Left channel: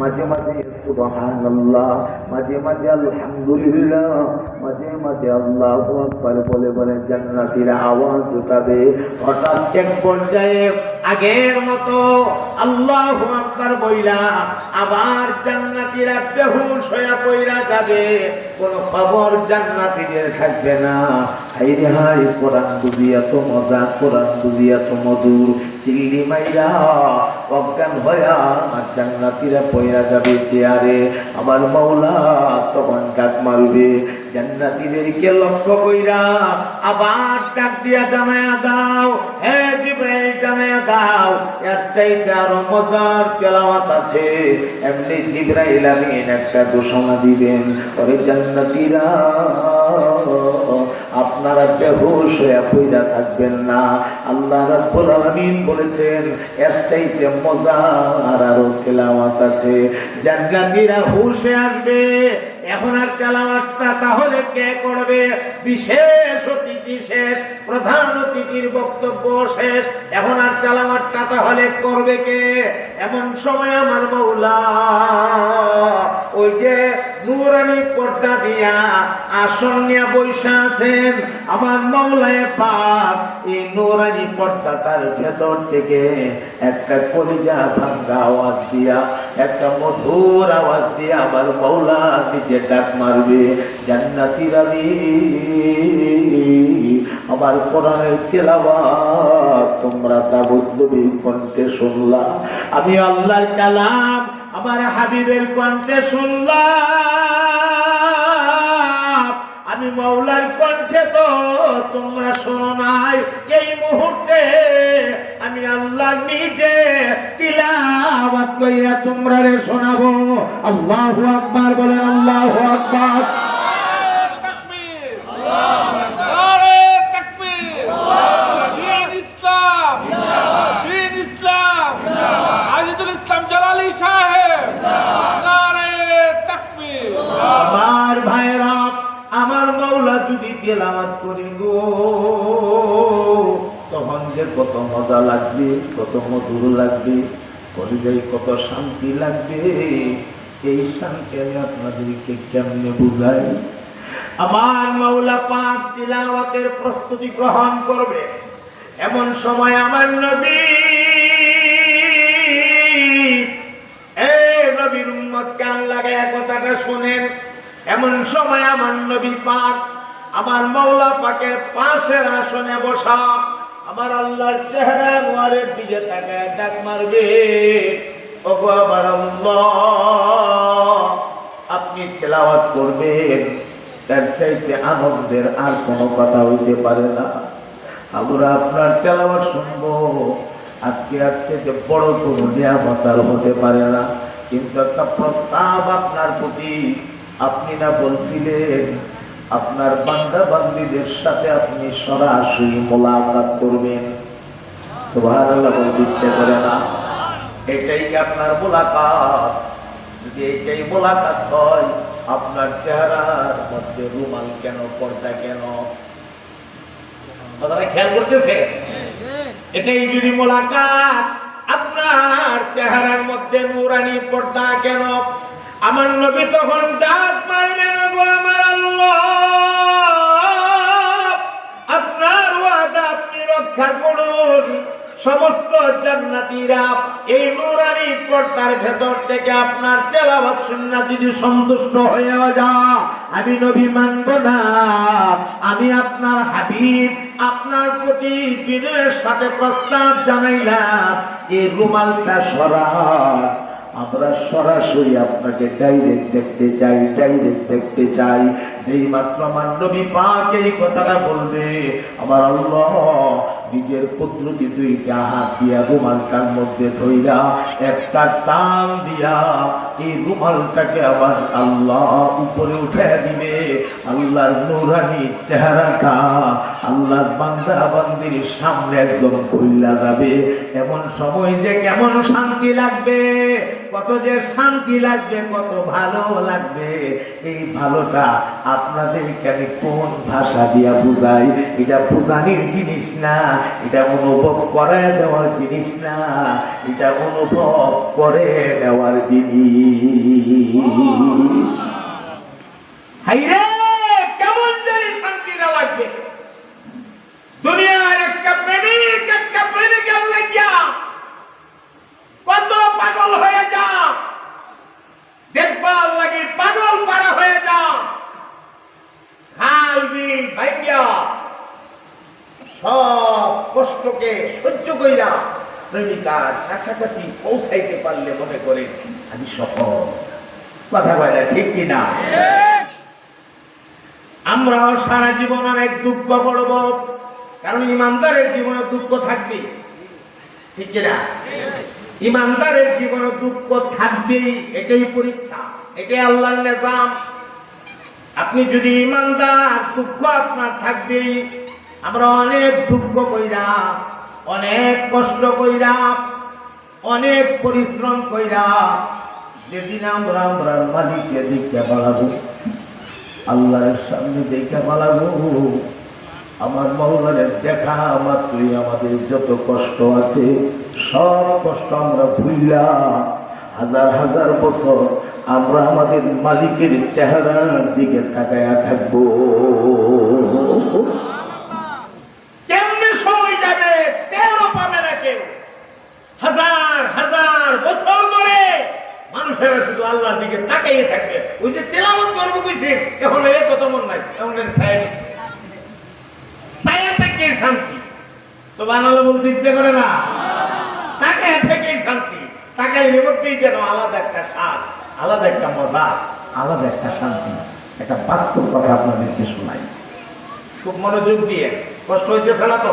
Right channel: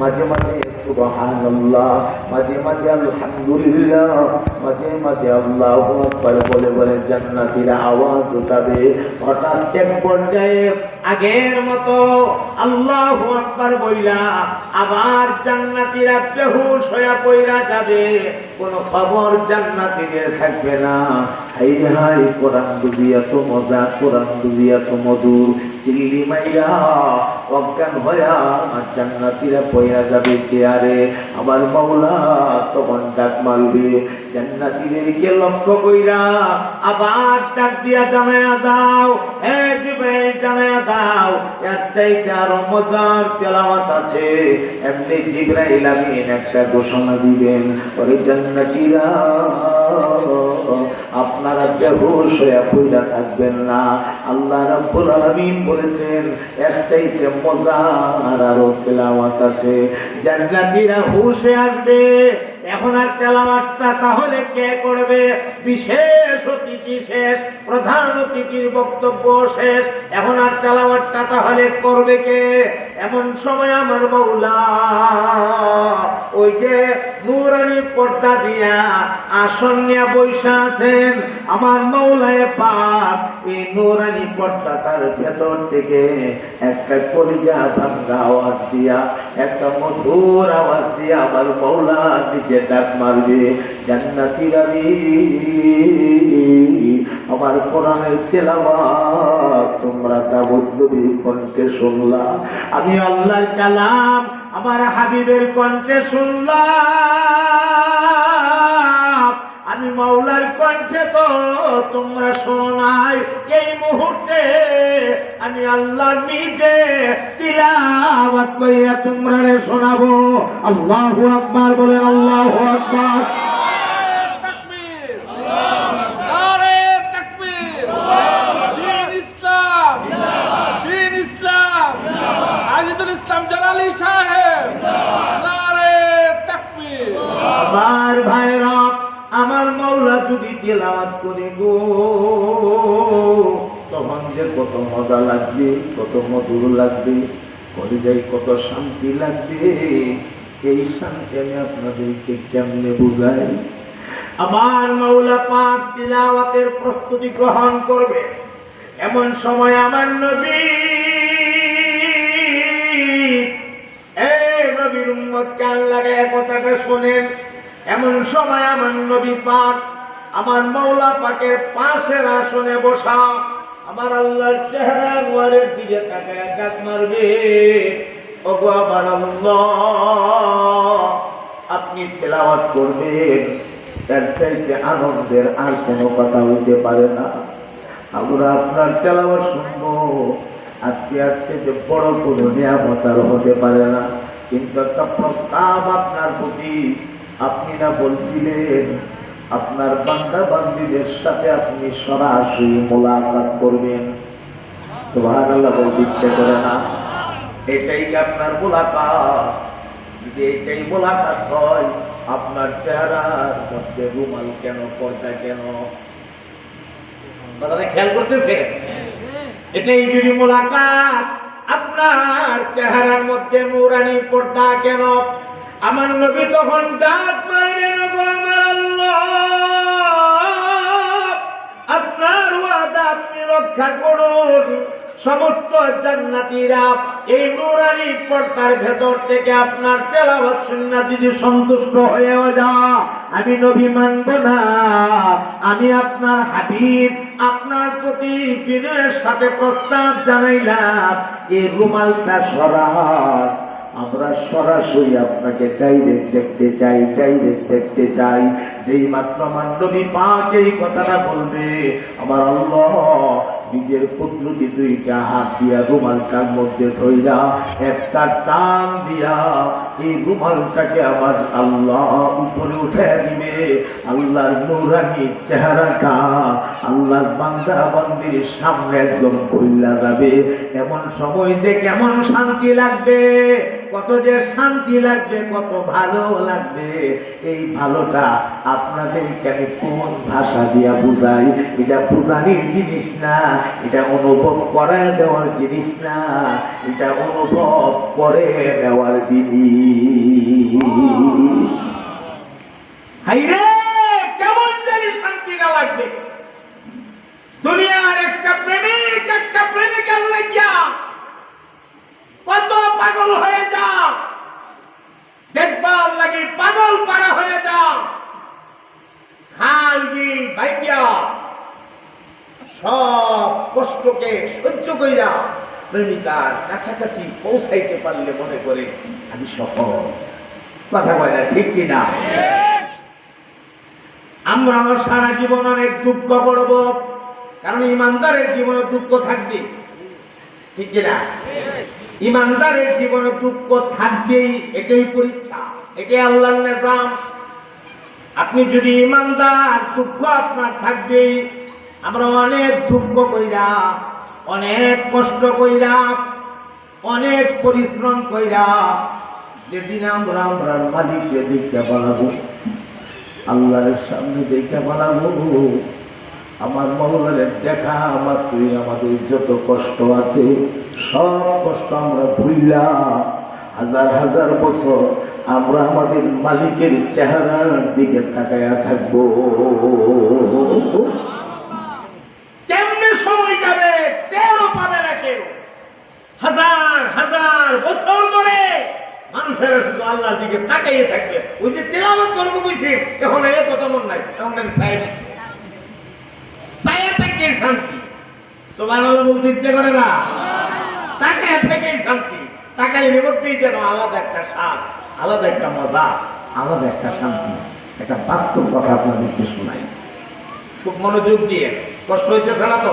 মাঝে মাঝে সুবহানাল্লাহ, মাঝে মাঝে আলহামদুলিল্লাহ, মাঝে মাঝে আল্লাহু আকবার বলে বলে জান্নাতীরা আওয়াজ উঠাবে। হঠাৎ এক পর্যায়ে আগের মতো আল্লাহু আকবার বইলা আবার জান্নাতীরা বেহুশ হয়ে পড়া যাবে, কোনো খবর জান্নাতীদের থাকবে না। হাই রে হাই, কোরআন দুবিয়া তো মজা, কোরআন দুবিয়া তো মধুর। চিল্লি মাইরা অজ্ঞান হইয়া জান্নাতীরা পইরা যাবে চেয়ারে। আমার মাওলা তখন ডাক মারবে, জান্নাতীদেরকে লক্ষ্য কইরা আবার ডাক দিয়া জানায়া দাও, হে জিবরাইল জানায়া দাও, এর চাইতে আরো মজার তেলাওয়াত আছে। এমনি জিবরাইল আমিন একটা ঘোষণা দিবেন, ওরে জান্নাতীরা আপনারা বেহুশ হয়ে পইরা থাকবেন না। আল্লাহ রাব্বুল আলামিন বলেছেন এর চাইতে মজার আরো তেলাওয়াত আছে। জান্নাতীরা হুশে আসবে। এখন আর তেলাওয়াতটা তাহলে কে করবে? বিশেষ অতিথি শেষ, প্রধান অতিথির বক্তব্য শেষ, এখন আর তেলাওয়াতটা তাহলে করবে কে? এমন সময় আমার মাওলা ওই যে নূরানি পর্দা দিয়া আসন নিয়ে বৈশা আছেন, আমার মাওলায়ে পাক এই নূরানি পর্দাটার ভেতর থেকে একটা কলিজা ভাঙ্গা আওয়াজ দিয়া, একটা মধুর আওয়াজ দিয়া আমার মাওলা নিজে ডাক মারবে, জান্নাতীরা আমার কোরআনের তেলাওয়াত তোমরা তাবদ্দুবির কণ্ঠে শুনলা, আমি আল্লাহর কালাম আমার হাবিবের কণ্ঠে শুনলাম, আমি মাওলার কণ্ঠে তো তোমরা শোনো নাই। এই মুহূর্তে আমি আল্লাহ নিজে তিলাওয়াত কইরা তোমরা রে শোনাবো। আল্লাহু আকবার বলেন, আল্লাহু আকবার। আমার ভাইরা, আমার মাওলা যদি তেলাওয়াত করে গো, তখন যে কত মজা লাগবে, কত মধুর লাগবে, কলিজায় কত শান্তি লাগবে। এই শান্তি আমি আপনাদেরকে কেমনে বুঝাই? আমার মাওলা পাক তিলাওয়াতের প্রস্তুতি গ্রহণ করবে, এমন সময় আমার নবী, নবীর উম্মত কান লাগায় কথাটা শোনেন। এমন সময় আমার নবী পাক আমার মাওলা পাকের পাশের আসনে বসা, আমার আল্লাহর চেহারা নোয়ারের দিকে তাকায় ডাক মারবে, ওগো আমার আল্লাহ, আপনি তেলাওয়াত করবেন, এর চাইতে আনন্দের আর কোনো কথা হইতে পারে না। আমরা আপনার তেলাওয়াত শুনবো, আজকে আর চেয়ে বড় কোনো নিয়ামত আর হতে পারে না। কিন্তু একটা প্রস্তাব আপনার প্রতি, আপনি না বলছিলেন আপনার বান্দা বান্দীদের সাথে আপনি সরাসরি মোলাকাত করবেন? সুবহানাল্লাহ বলতে ইচ্ছে করে না? এটাই কি আপনার মোলাকাত? যদি এইটাই মোলাকাত হয়, আপনার চেহারার মধ্যে রুমাল কেন, পর্দা কেন? কথাটা খেয়াল করতেছে? এটাই যদি মোলাকাত, আপনার চেহারার মধ্যে নূরানি পর্দা কেন? আমার নবী তখন ডাক মারবেন, গো আমার আল্লাহ, আপনার ওয়াদা আপনি রক্ষা করুন। সমস্ত জান্নাতীরা এই নূরানি পর্দার ভেতর থেকে আপনার তেলাওয়াত শুনে যদি সন্তুষ্ট হয়ে যায়, আমি নবী মানব না। আমি আপনার হাবিব আপনার প্রতি বিনয়ের সাথে প্রস্তাব জানাইলাম, এই রুমালটা সরান, আমরা সরাসরি আপনাকে ডাইরেক্ট দেখতে চাই, ডাইরেক্ট দেখতে চাই। যেই মাত্র আমার নবী পাক এই কথাটা বলবে, আমার আল্লাহ নিজের কুদরতি দুইটা হাত দিয়া রুমালটার মধ্যে ধইরা একটা টান দিয়া এই রুমালটাকে আমার আল্লাহ উপরে উঠে দিবে। আল্লাহর নূরানি চেহারাটা আল্লাহর বান্দা বান্দির সামনে একদম খুইলা যাবে। এমন সময় যে কেমন শান্তি লাগবে, কত যে শান্তি লাগবে, কত ভালো লাগবে। এই ভালোটা আপনাদেরকে আমি কোন ভাষা দিয়া বুঝাই? এটা বুঝানির জিনিস না, এটা অনুভব করায় দেওয়ার জিনিস না, এটা অনুভব করে দেওয়ার জিনিস। হাইরে কেমন জানি শান্তিটা লাগবে। দুনিয়ার একটা প্রেমিক একটা প্রেমিকের লাগিয়া কত পাগল হয়ে যা, দেখবার লাগে পাগল পারা হয়ে যা, খাল বিল ভাইয়া সব কষ্টকে সহ্য কইরা প্রেমিকার কাছাকাছি পৌঁছাইতে পারলে মনে করে আমি সফল। কথা বলে না, ঠিক কিনা? আমরাও সারা জীবন অনেক দুঃখ করব, কারণ ইমানদারের জীবনে দুঃখ থাকবে, ঠিক কিনা? ইমানদারের জীবনে দুঃখ থাকবেই, এটাই পরীক্ষা, এটাই আল্লাহর নিজাম। আপনি যদি ইমানদার, দুঃখ আপনার থাকবেই। আমরা অনেক দুঃখ কইরা, অনেক কষ্ট কইরা, অনেক পরিশ্রম কইরা যেদিন আমরা আমরার মালিককে দেখতে পালাবো, আল্লাহর সামনে দেখতে পালাবো, আমার মাওলার দেখা মাত্রই আমাদের যত কষ্ট আছে সব কষ্ট আমরা ভুইলা হাজার হাজার বছর আমরা আমাদের মালিকের চেহারার দিকে তাকায়া থাকবো। কেমনে সময় যাবে টেরও পাবে না কেউ। হাজার হাজার বছর ধরে মানুষেরা শুধু আল্লাহর দিকে তাকাইয়ে থাকবে। ওই যে তেলাওয়াত করবো কইছিস, এখন এর কত মন নাই, এখন ছায়া দিচ্ছে, ছায়া থেকে শান্তি। সুবহানাল্লাহ বলতে ইচ্ছে করে না? তাকায় থেকেই শান্তি, তাকায় মধ্যেই যেন আলাদা একটা স্বাদ, আলাদা একটা মজা, আলাদা একটা শান্তি। একটা বাস্তব কথা আপনাদেরকে শোনাই, খুব মনোযোগ দিয়ে। কষ্ট হইতেছে না তো?